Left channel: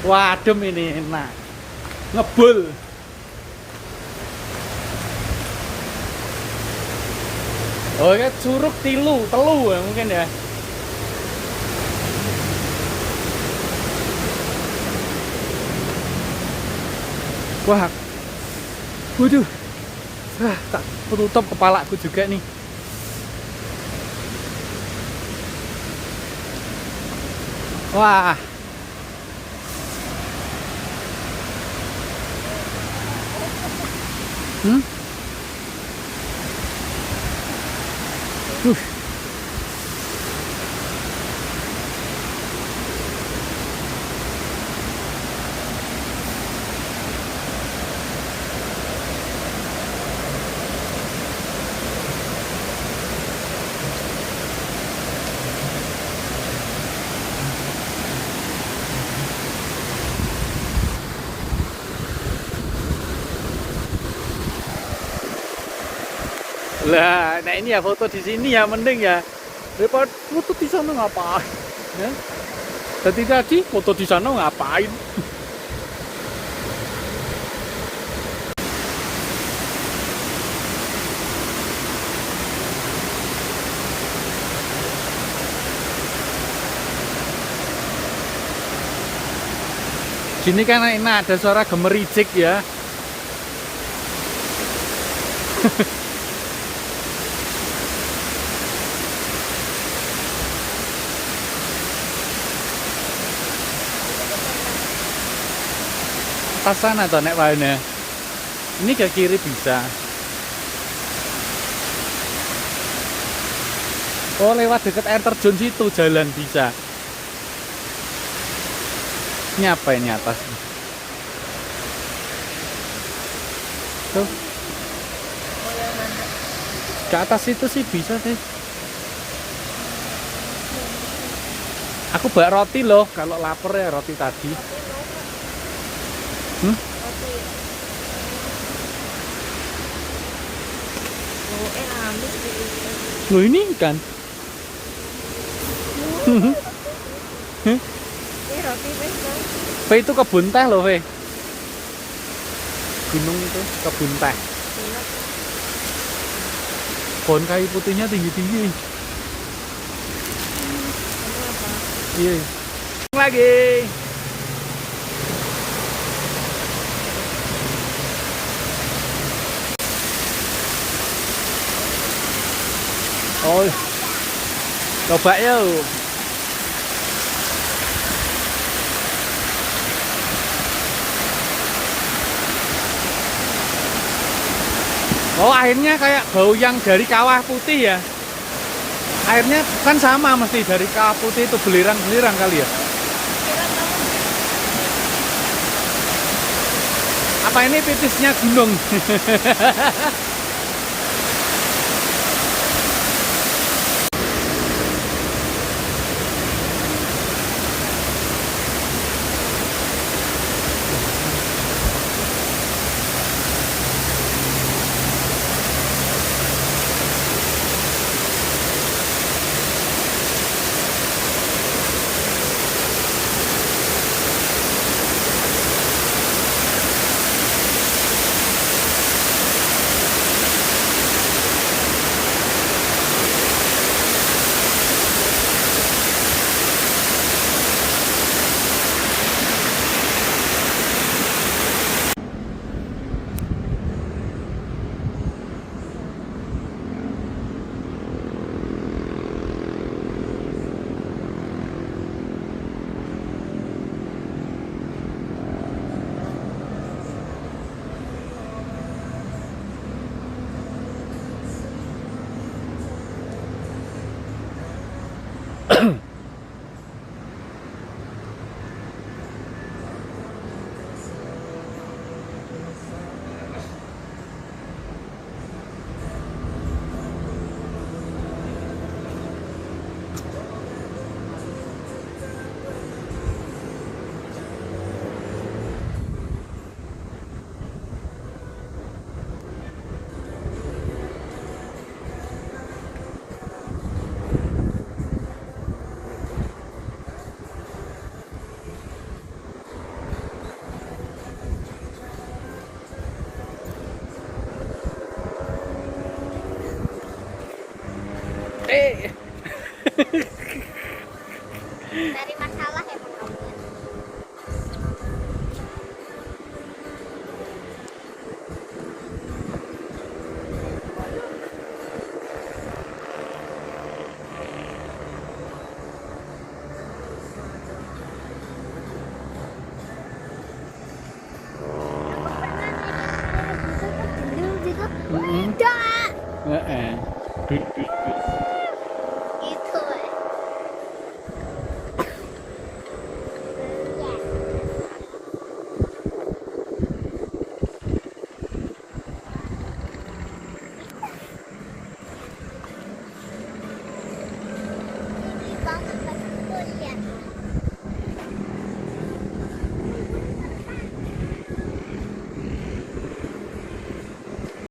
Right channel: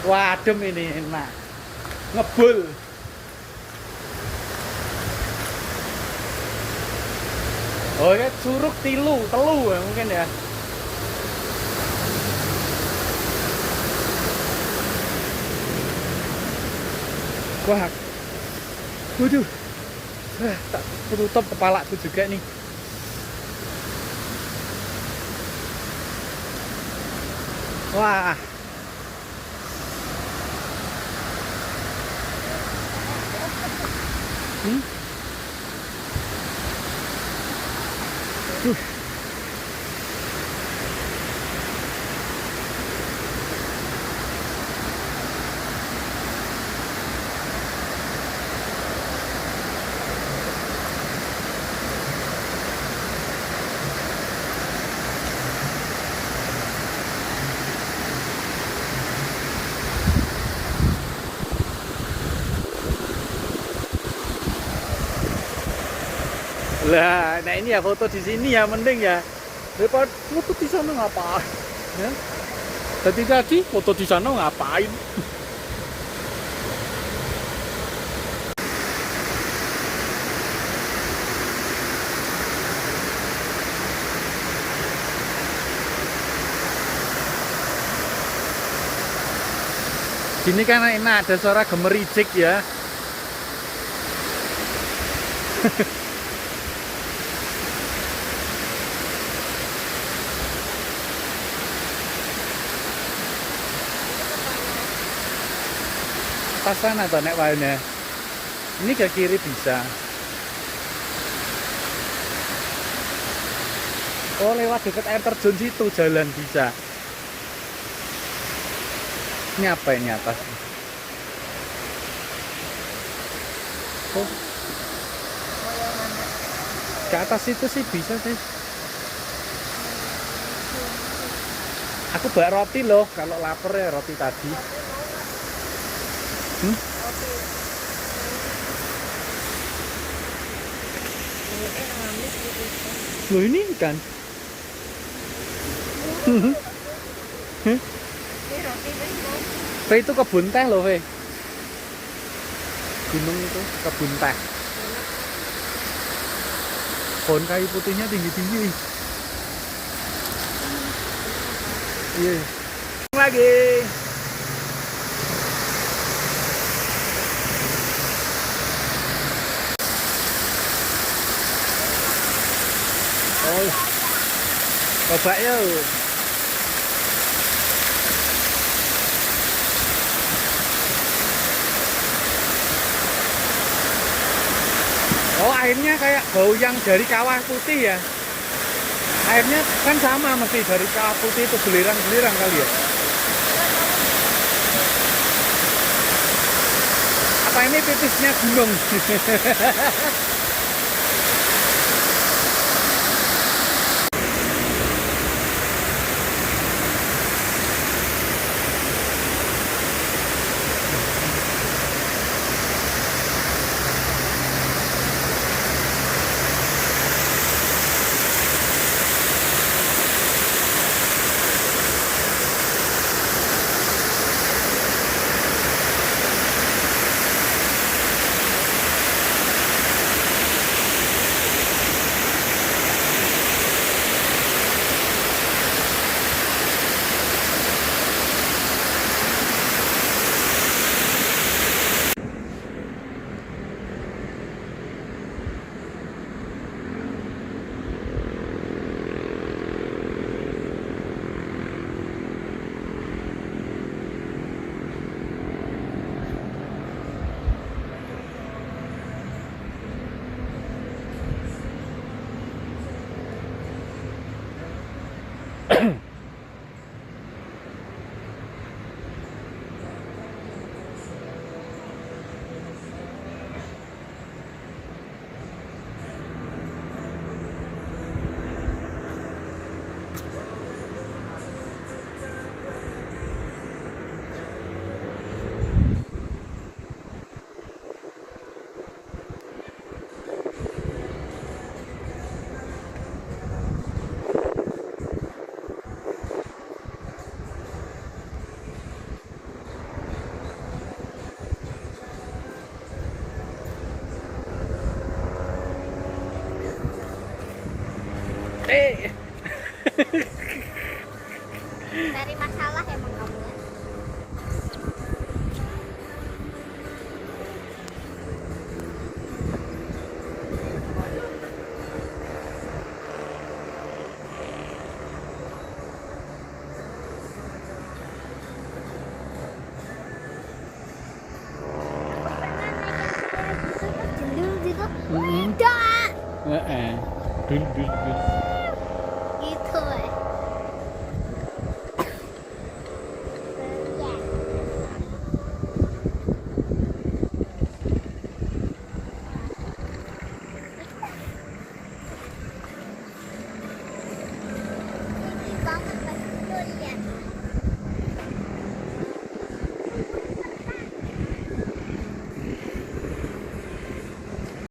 Wah, adem ini enak. Ngebul. Oh ya, curug telu ya mungkin ya. Wah, waduh, tak tutup kepalaku juga nih. Wah, hmm? Lah, nah ini ya foto di sini ya mending ya. Daripada foto di sana ngapain? Ya? Tadi foto di sana ngapain? Sini kan enak ada suara gemericik ya. Atas sana tuh nek wae. Ini ke kiri bisa. Oh, lewat dekat air terjun situ jalan bisa. Ini apa ini atas? Tuh. Ke atas itu sih bisa sih. Aku bawa roti loh, kalau lapar ya roti tadi. Hmm? Loh ini kan? Ve itu kebun teh loh, Ve. Gunung itu kebun teh. Pohon kayu putihnya tinggi-tinggi. Iya. Lagi. Oh, coba yuk. Oh, airnya kayak bau yang dari kawah putih ya. Airnya kan sama mesti dari kawah putih itu belerang-belerang kali ya. Apa ini titisnya gunung? Cari masalah emang kamu ya. Aku pernah naik yang kayak gitu, Mm-mm. enggak. Dul, dul, dul.